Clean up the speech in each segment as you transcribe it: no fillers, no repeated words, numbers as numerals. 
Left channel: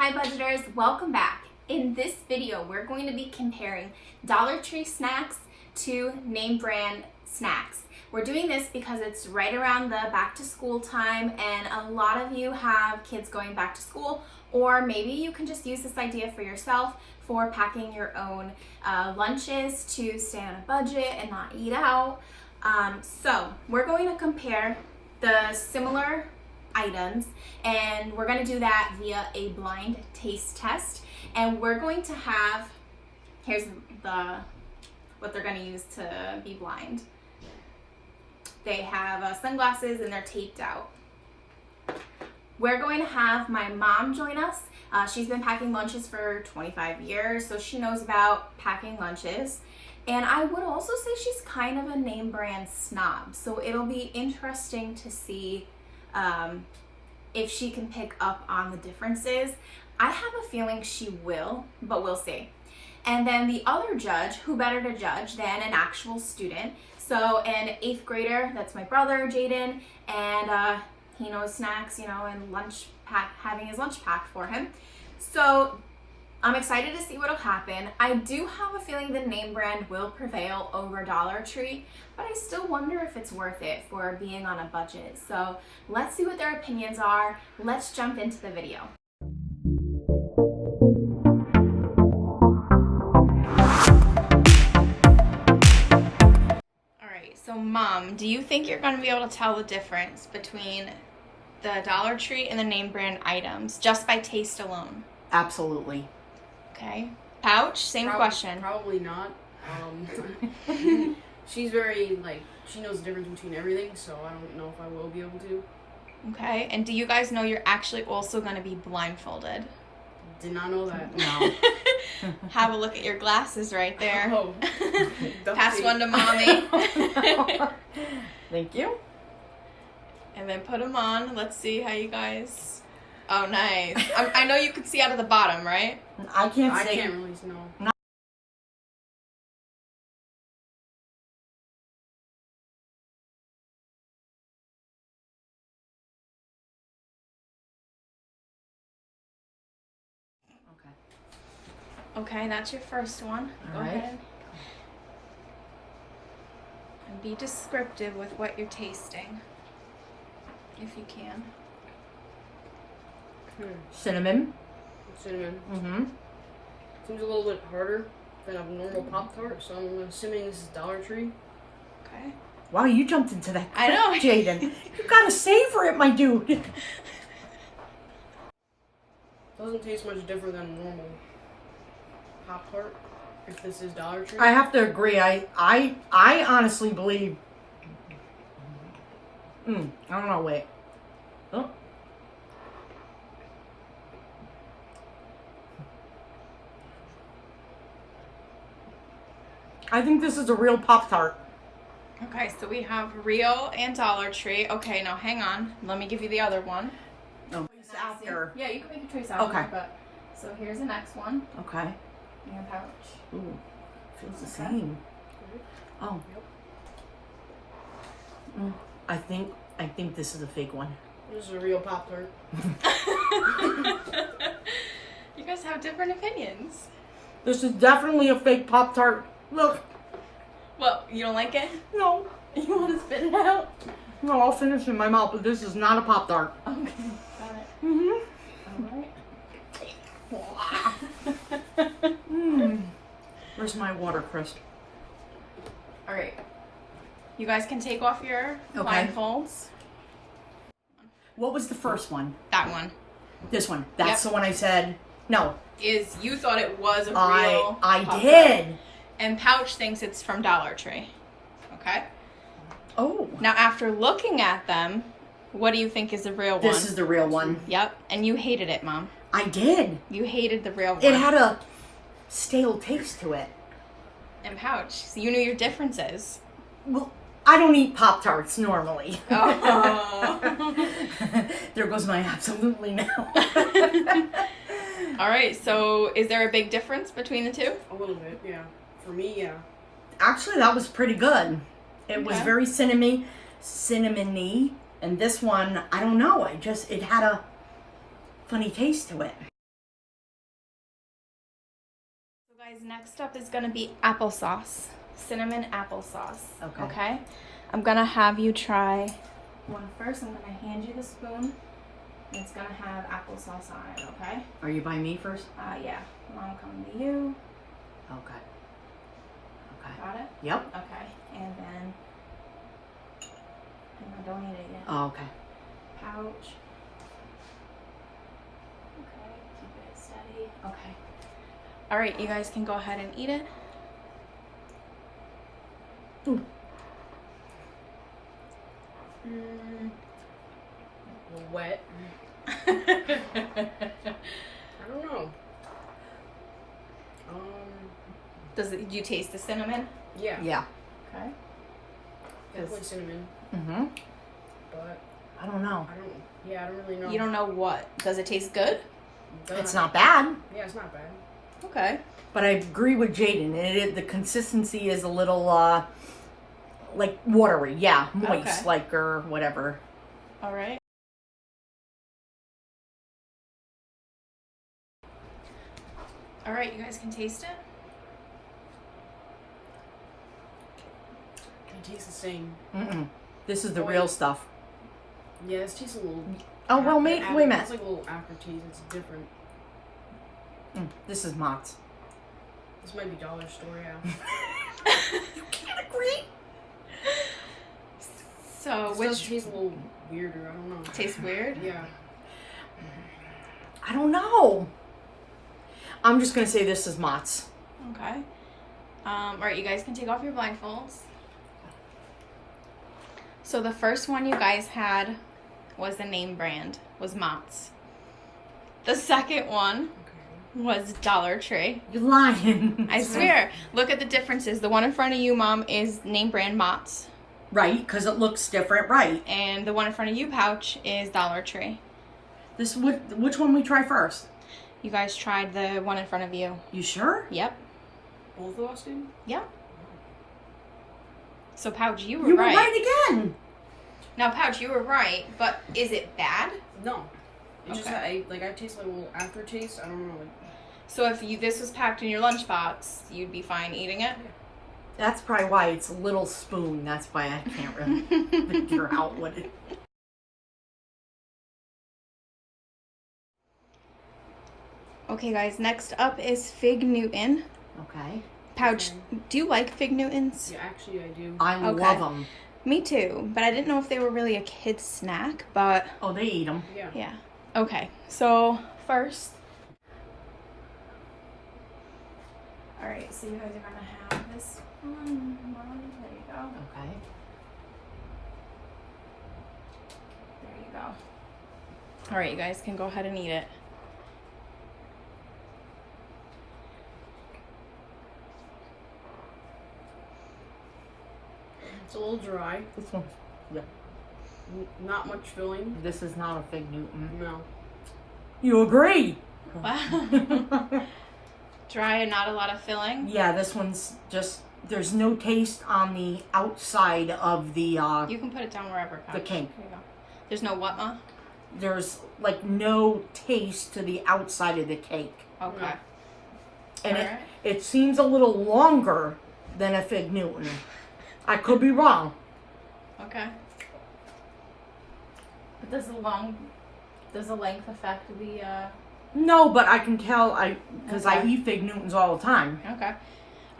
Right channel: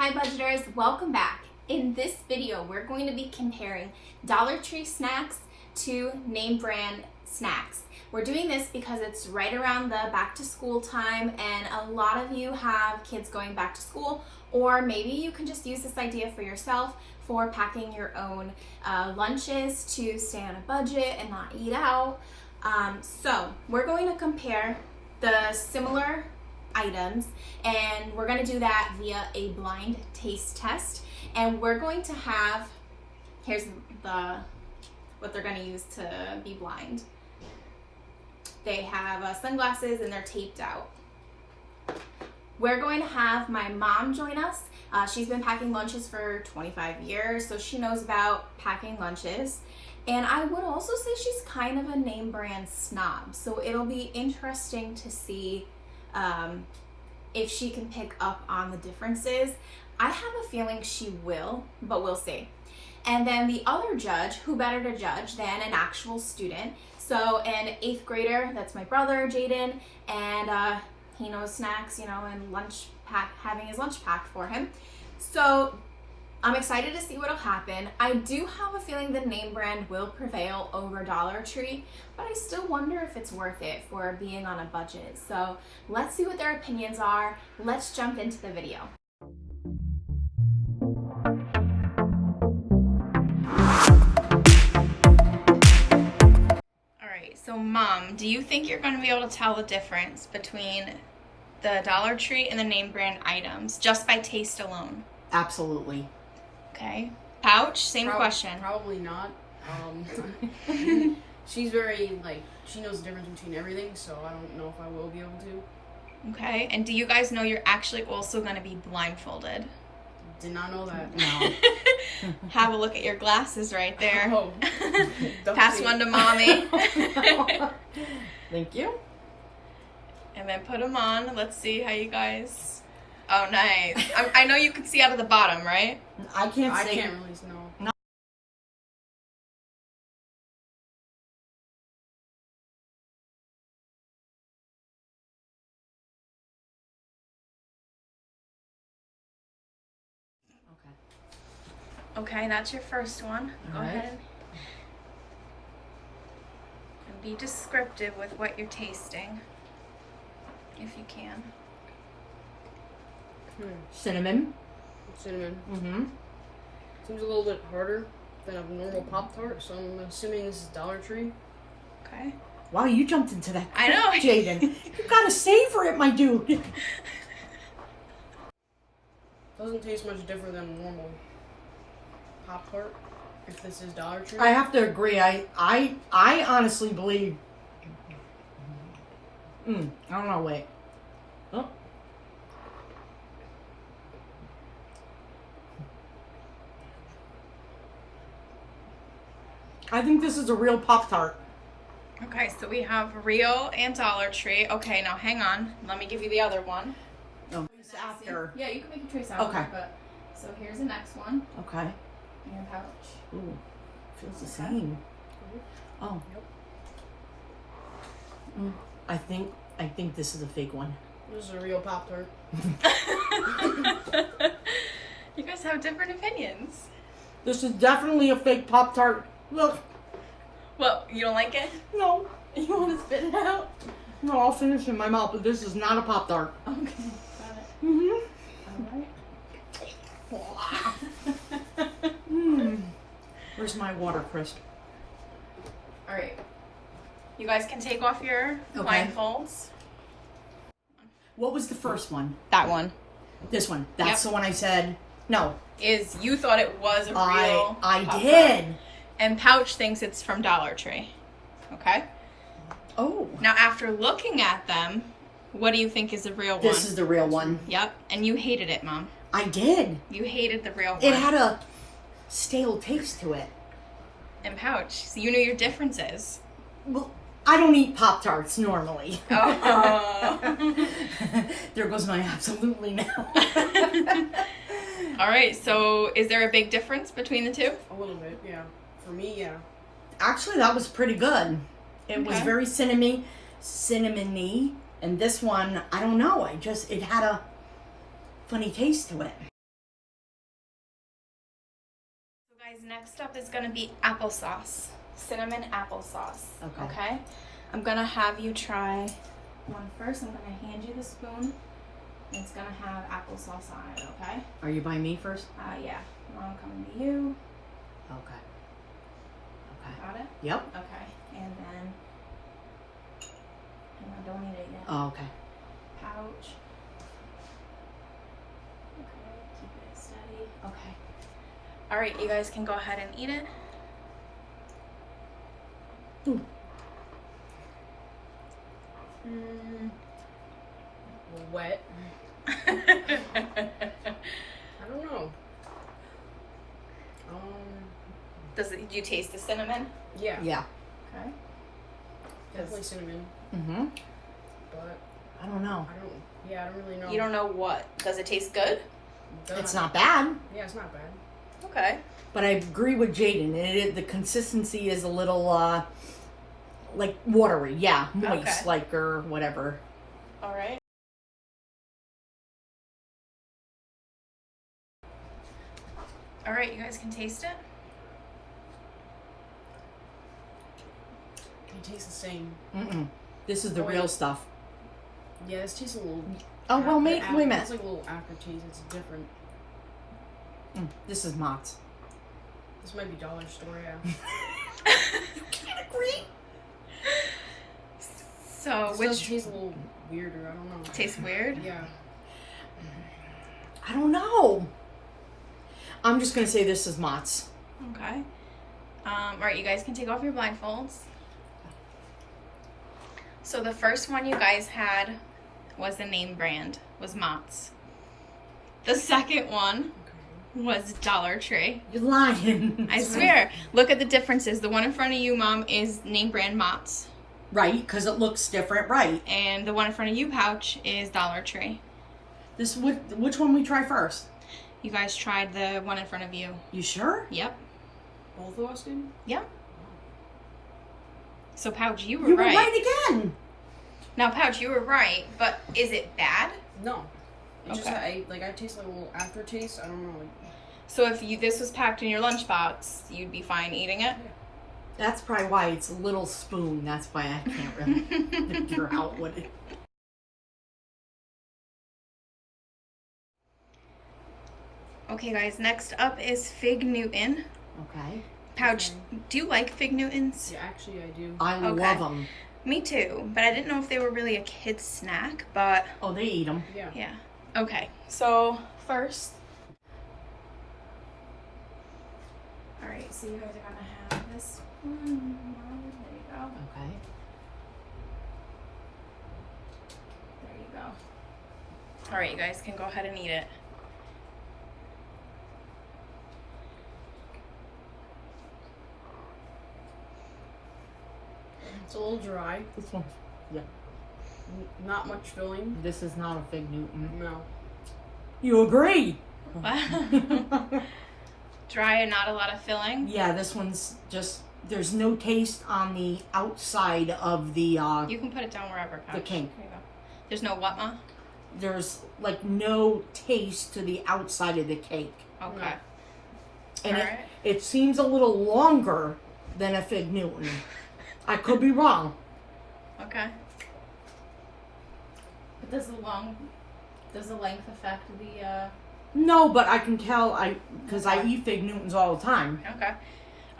Hi budgeters, welcome back. In this video, we're going to be comparing Dollar Tree snacks to name brand snacks. We're doing this because it's right around the back to school time and a lot of you have kids going back to school, or maybe you can just use this idea for yourself for packing your own lunches to stay on a budget and not eat out. So we're going to compare the similar items and we're going to do that via a blind taste test, and we're going to have, here's what they're going to use to be blind. They have sunglasses and they're taped out. We're going to have my mom join us. She's been packing lunches for 25 years, so she knows about packing lunches. And I would also say she's kind of a name brand snob, so it'll be interesting to see if she can pick up on the differences. I have a feeling she will, but we'll see. And then the other judge, who better to judge than an actual student? So an 8th grader, that's my brother, Jaden, and he knows snacks, and having his lunch packed for him. So I'm excited to see what'll happen. I do have a feeling the name brand will prevail over Dollar Tree, but I still wonder if it's worth it for being on a budget. So let's see what their opinions are. Let's jump into the video. All right, so Mom, do you think you're gonna be able to tell the difference between the Dollar Tree and the name brand items just by taste alone? Absolutely. Okay. Pouch, same question. Probably not. She's very, she knows the difference between everything, so I don't know if I will be able to. Okay. And do you guys know you're actually also going to be blindfolded? Did not know that. No. Have a look at your glasses right there. Oh. Pass one to Mommy. Thank you. And then put them on. Let's see how you guys... Oh, nice. I know you can see out of the bottom, right? I can't really know. No. Okay, that's your first one. All Go right. ahead. And be descriptive with what you're tasting, if you can. Cinnamon. Cinnamon. Mm-hmm. Seems a little bit harder than a normal Pop Tart, so I'm assuming this is Dollar Tree. Okay. Wow, you jumped into that. I know. Jaden. You gotta savor it, my dude. Doesn't taste much different than a normal Pop Tart, if this is Dollar Tree. I have to agree. I honestly believe. I don't know. Wait. Oh. I think this is a real Pop Tart. Okay, so we have real and Dollar Tree. Okay, now hang on. Let me give you the other one. No. It's after. Yeah, you can make a choice after. Okay. But so here's the next one. Okay. And pouch. Ooh. Feels the same. Oh. Yep. I think this is a fake one. This is a real Pop Tart. You guys have different opinions. This is definitely a fake Pop Tart. Look. Well, you don't like it? No. You want to spit it out? No, I'll finish in my mouth, but this is not a Pop Tart. Okay, got it. Mm-hmm. Alright. Where's my water, Chris? Alright. You guys can take off your blindfolds. What was the first one? That one. This one. That's Yep. the one I said. No. You thought it was a real I Pop did. Tart. And Pouch thinks it's from Dollar Tree. Okay? Oh. Now, after looking at them, what do you think is the real one? This is the real one. Yep. And you hated it, Mom. I did. You hated the real one. It had a stale taste to it. And Pouch. So you knew your differences. Well, I don't eat Pop Tarts normally. Oh. There goes my absolutely now. All right. So is there a big difference between the two? A little bit, yeah. For me, yeah. Actually, that was pretty good. It was Okay. very cinnamony, and this one, I don't know. It had a funny taste to it. Guys, next up is gonna be applesauce. Cinnamon applesauce. Okay. Okay? I'm gonna have you try one first. I'm gonna hand you the spoon. And it's gonna have applesauce on it, okay? Are you by me first? Yeah. I'm coming to you. Okay. Okay. Got it? Yep. Okay. And then I don't need it yet. Oh, okay. Pouch. Okay, keep it steady. Okay. Alright, you guys can go ahead and eat it. Ooh. Wet. I don't know. Do you taste the cinnamon? Yeah. Yeah. Okay. Definitely cinnamon. Mm-hmm. But I don't know. I don't really know. You don't know what. Does it taste good? It's not bad. Yeah, it's not bad. Okay. But I agree with Jaden. The consistency is a little, like watery. Yeah, moist, Okay. like, or whatever. All right. All right, you guys can taste it. It tastes the same. Mm-mm. This is the Oh, real wait. stuff. Yeah, this tastes a little. Oh, well, wait a minute. It's like a little aftertaste. It's different. This is Mott's. This might be dollar store, yeah. You can't agree. So, This does which tastes a little weirder. I don't know. tastes weird? Yeah. I don't know. I'm just going to say this is Mott's. Okay. All right, you guys can take off your blindfolds. So the first one you guys had was the name brand, was Mott's. The second one was Dollar Tree. You're lying. I swear. Look at the differences. The one in front of you, Mom, is name brand Mott's. Right, because it looks different. Right. And the one in front of you, Pouch, is Dollar Tree. This which one we try first? You guys tried the one in front of you. You sure? Yep. Both of us did? Yep. So Pouch, you were You were right. right again. Now Pouch, you were right, but is it bad? No. It just Okay. I taste like a little aftertaste. I don't know. So if this was packed in your lunchbox, you'd be fine eating it? That's probably why it's a little spoon. That's why I can't really figure out what it. Okay guys, next up is Fig Newton. Okay. Pouch, Okay. do you like Fig Newtons? Yeah, actually I do. I Okay. love them. Me too, but I didn't know if they were really a kid's snack, but Oh, they eat them. Yeah. yeah. Okay, so first. Alright, so you guys are gonna have this one. There you go. Okay. There you go. Alright, you guys can go ahead and eat it. It's a little dry. This one. Yeah. Not much filling. This is not a Fig Newton. No. You agree? Wow. Dry and not a lot of filling. Yeah, this one's just. There's no taste on the outside of the. You can put it down wherever. Pouch. The cake. Here you go. There's no what, Ma? There's like no taste to the outside of the cake, Okay. and Alright. it seems a little longer than a Fig Newton. I could be wrong. Okay. But does the length affect the, No, but I can tell because I Okay. eat Fig Newtons all the time. okay.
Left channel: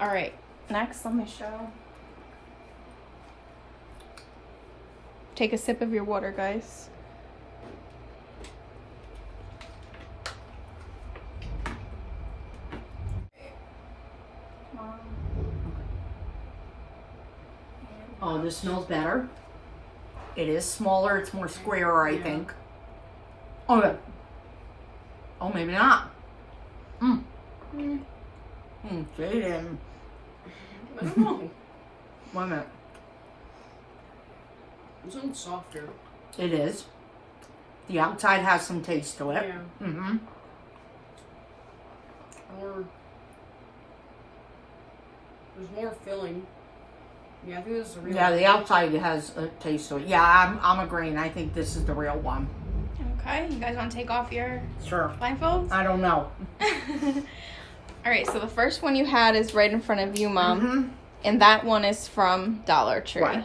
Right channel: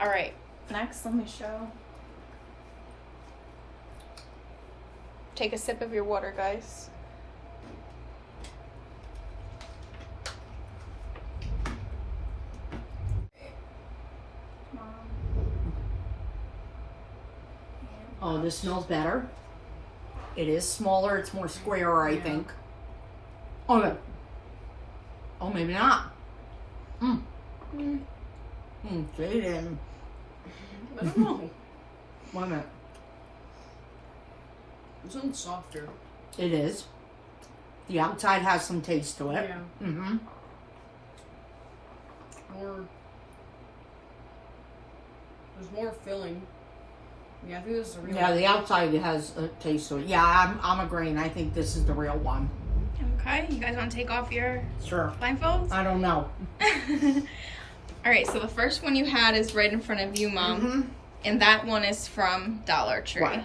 Alright. Next, let me show. Take a sip of your water, guys. Oh, this smells better. It is smaller. It's more square, I Yeah. think. Oh, yeah. Oh, maybe not. Jaden. I don't know. Wait a minute. This one's softer. It is. The outside has some taste to it. Yeah. Mm-hmm. There's more filling. Yeah, I think this is the real Yeah, one. the outside has a taste to it. Yeah, I'm agreeing. I think this is the real one. Okay, you guys want to take off your Sure. blindfolds? I don't know. All right, so the first one you had is right in front of you, Mom. And that one is from Dollar Tree. Right.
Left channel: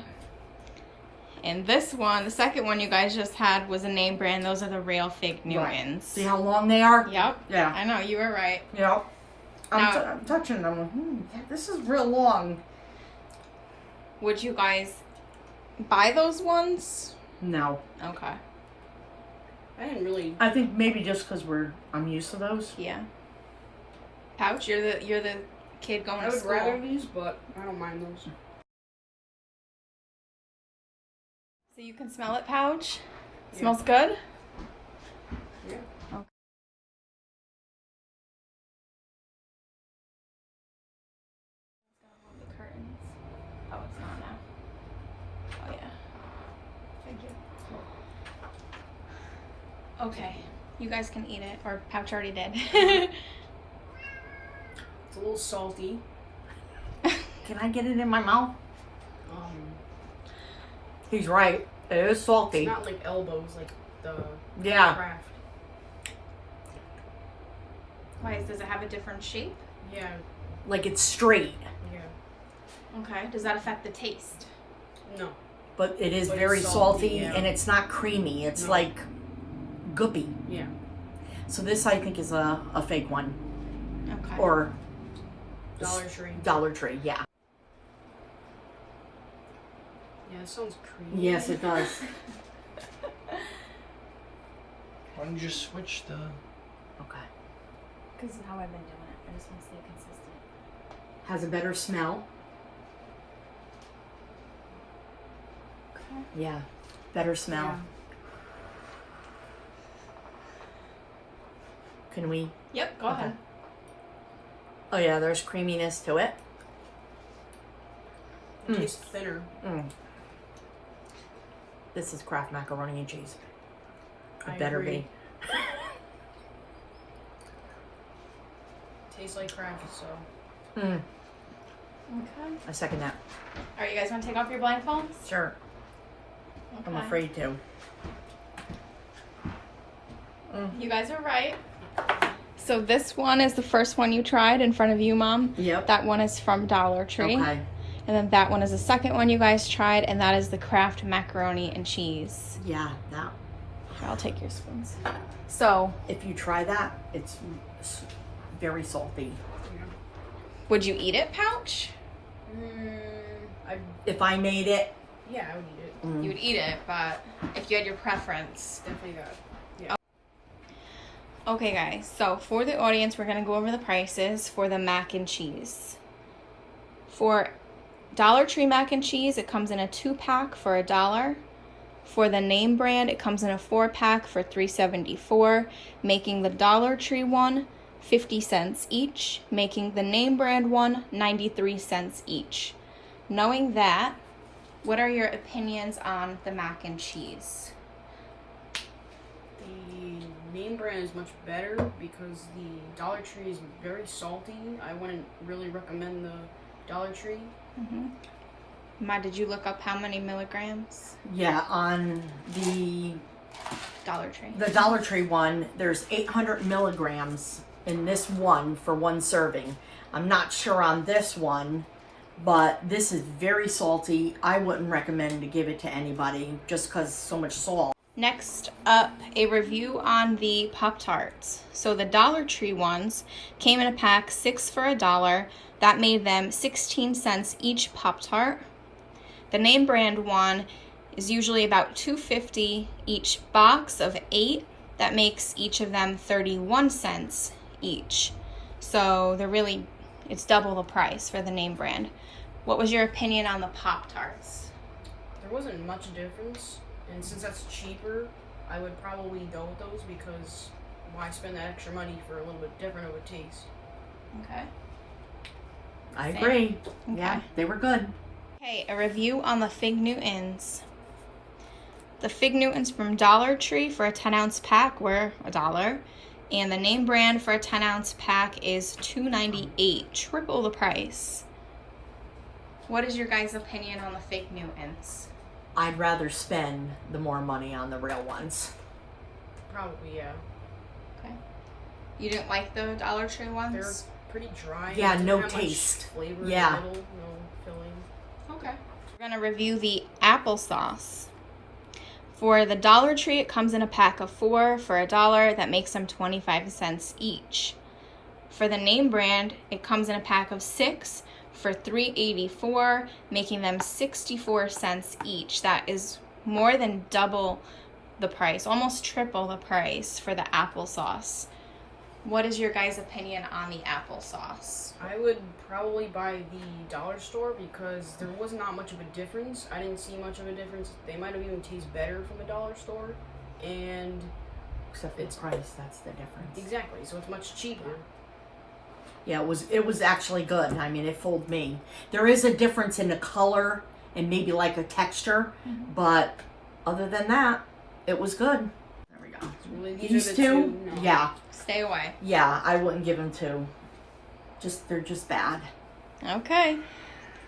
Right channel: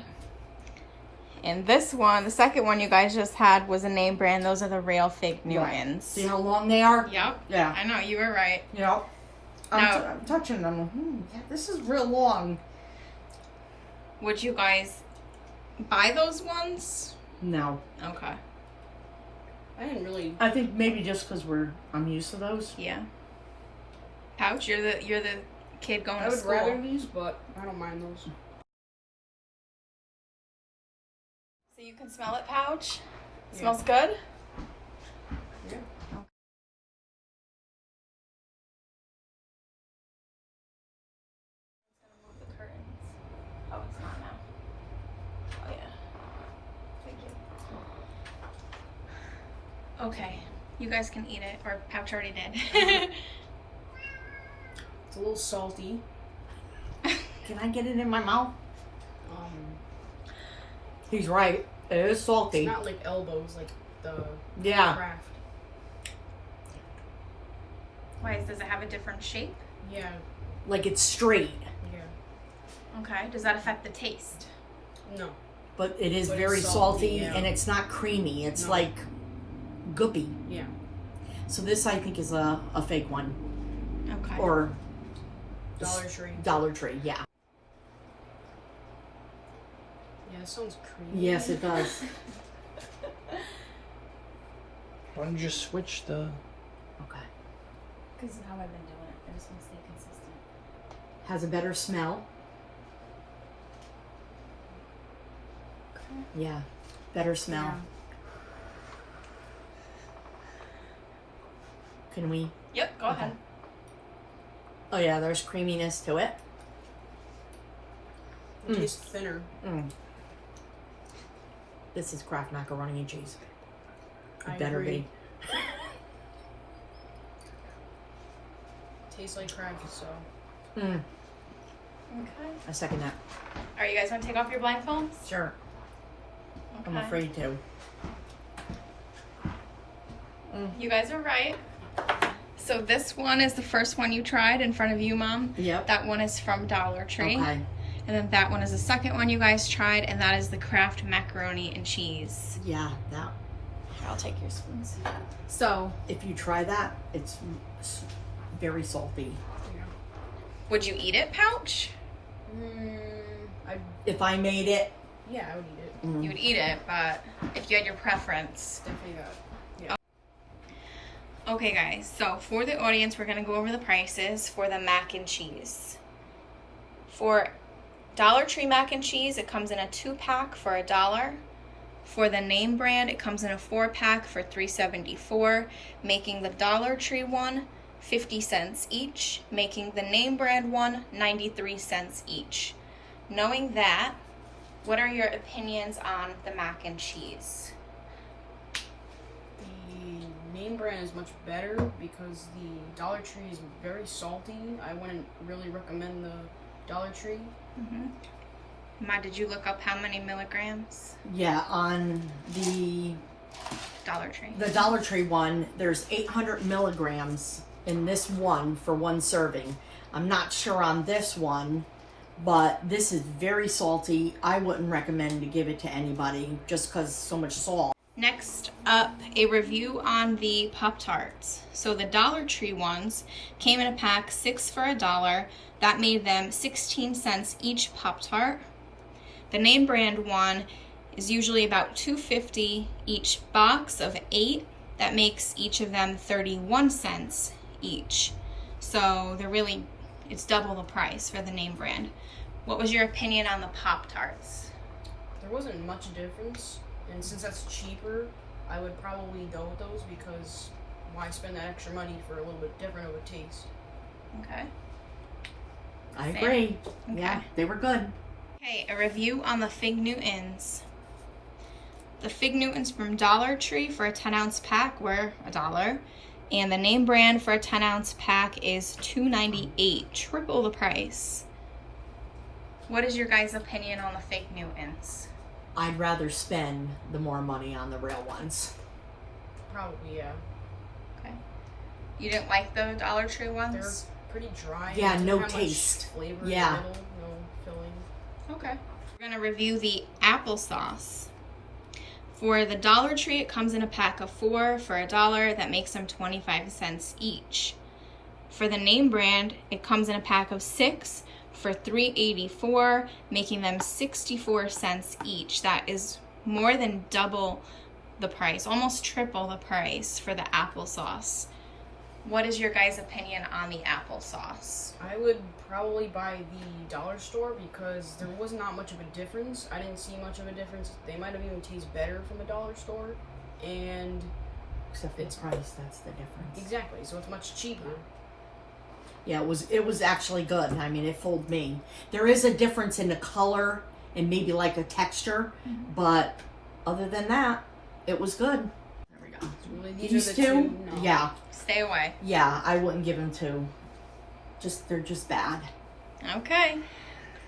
And this one, the second one you guys just had was a name brand. Those are the real Fig Newtons. See how long they are? Yep. Yeah. I know, you were right. Yep. Now- I'm touching them. This is real long. Would you guys buy those ones? No. Okay. I didn't really. I think maybe just because I'm used to those. Yeah. Pouch, you're the kid going I to would school. rather these, but I don't mind those. So you can smell it, Pouch? Yeah. Smells good? Yeah. Okay, you guys can eat it, or Pouch already did. It's a little salty. Can I get it in my mouth? Um, He's right. It is salty. it's not like elbows, like the Yeah. Kraft. Why, does it have a different shape? Yeah. Like it's straight, Yeah. Okay, does that affect the taste? No. but it is But it's very salty, salty, yeah. and it's not creamy. It's No. like goopy. Yeah. So this I think is a fake one, Okay. or Dollar Tree. Dollar Tree. Yeah. Yeah, it sounds creamy. Yes, it does. Why don't you just switch the... Okay. Because of how I've been doing it. I just want to stay consistent. Has a better smell. Okay. Yeah. Better smell. Yeah. Can we? Yep, go Okay. ahead. Oh yeah, there's creaminess to it. It tastes thinner. Mm. This is Kraft macaroni and cheese. It I better agree. be. Tastes like Kraft, so. Mm. Okay. I second that. All right, you guys want to take off your blindfolds? Sure. I'm Okay. afraid to. You guys are right. So this one is the first one you tried in front of you, Mom. Yep. That one is from Dollar Tree. Okay. And then that one is the second one you guys tried, and that is the Kraft macaroni and cheese. Yeah. Now, I'll take your spoons. So, if you try that, it's very salty. Yeah. would you eat it, Pouch? If I made it, Yeah, I would eat it. You would eat it, but if you had your preference. Definitely that. Yeah. Okay, guys, so for the audience, we're going to go over the prices for the mac and cheese. For Dollar Tree mac and cheese, it comes in a 2-pack for $1. For the name brand, it comes in a 4-pack for $3.74, making the Dollar Tree one 50 cents each, making the name brand one 93 cents each. Knowing that, what are your opinions on the mac and cheese? The name brand is much better because the Dollar Tree is very salty. I wouldn't really recommend the Dollar Tree. Ma, did you look up how many milligrams? yeah, on the Dollar Tree. Dollar Tree one, there's 800 milligrams in this one for one serving. I'm not sure on this one, but this is very salty. I wouldn't recommend to give it to anybody just because so much salt. Next up, a review on the Pop Tarts. So the Dollar Tree ones came in a pack, 6 for $1. That made them 16 cents each Pop Tart. The name brand one is usually about $2.50 each box of 8. That makes each of them 31 cents each. So it's double the price for the name brand. What was your opinion on the Pop Tarts? There wasn't much difference, and since that's cheaper, I would probably go with those because why spend that extra money for a little bit different of a taste? Okay. I agree. Yeah, they were good. Okay, a review on the Fig Newtons. The Fig Newtons from Dollar Tree for a 10-ounce pack were $1, and the name brand for a 10-ounce pack is $2.98, triple the price. What is your guys' opinion on the Fig Newtons? I'd rather spend the more money on the real ones. Probably, yeah. Okay. You didn't like the Dollar Tree ones? They're pretty dry. Yeah, It didn't no have much taste. flavor Yeah. in the middle, no filling. Okay. We're gonna review the applesauce. For the Dollar Tree, it comes in a pack of 4 for $1. That makes them 25 cents each. For the name brand, it comes in a pack of 6 for $3.84, making them 64 cents each. That is more than double the price, almost triple the price for the applesauce. What is your guys' opinion on the applesauce? I would probably buy the dollar store because there was not much of a difference. I didn't see much of a difference. They might have even tasted better from a dollar store. And Except for the price, that's the difference. exactly, so it's much cheaper. Yeah, it was actually good. I mean, it fooled me. There is a difference in the color and maybe like a texture, but other than that, it was good. There we go. So really, These are the two, no. yeah, Stay away. yeah, I wouldn't give them 2. They're just bad. Okay.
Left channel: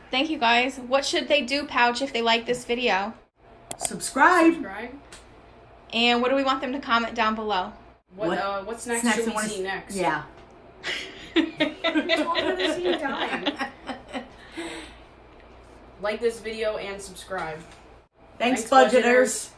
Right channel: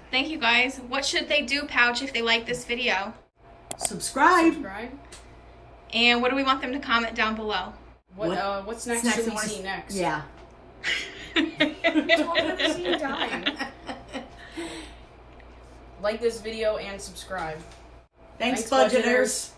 Thank you guys. What should they do, Pouch, if they like this video? Subscribe. Subscribe. And what do we want them to comment down below? What snacks Snacks should you we wanna see next? Yeah. Like this video and subscribe. Thanks, Thanks, budgeters. budgeters.